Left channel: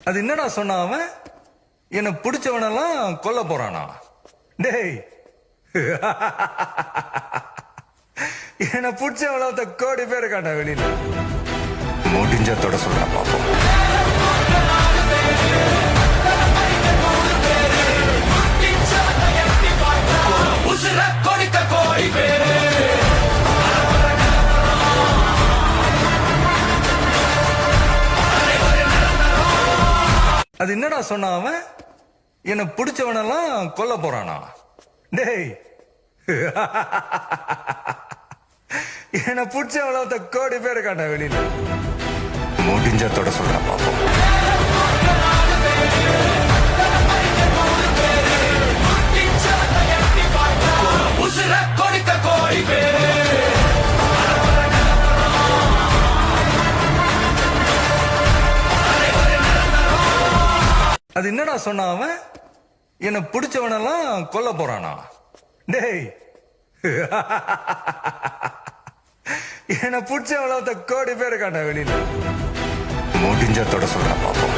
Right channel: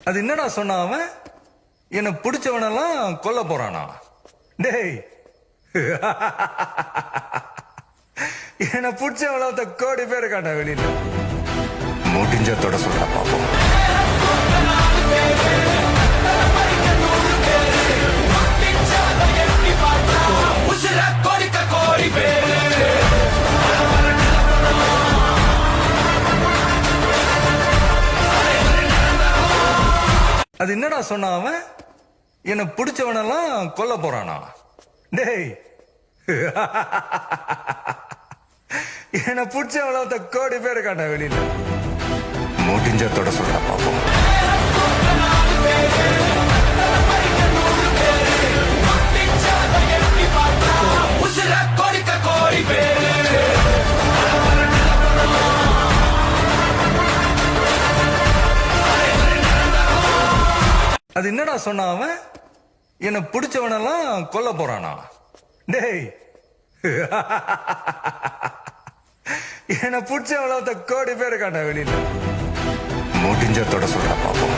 அது என்னடா சொன்ன அவன்? என்ன பிடிச்சவனெல்லாம் கொல்ல போறானா? டேய் என்ன பிடிச்சவள கோடி பேர் காட்டா வெளியில முடிஞ்ச தொட சொல்றா பாப்போம். அது என்னடா சொன்ன அவன்? என்ன பிடிச்சவனெல்லாம் கொல்ல போறானா? டேய் என்ன பிடிச்சவள கோடி பேர் காட்டா வெளியில முடிஞ்ச தொட சொல்றா பாப்போம். அது என்னடா சொன்ன அவன்? என்ன பிடிச்சவனெல்லாம் கொல்ல போறானா? டேய் என்ன பிடிச்சவள கோடி பேர் காட்டா வெளியில முடிஞ்ச தொட சொல்றா பாப்போம்.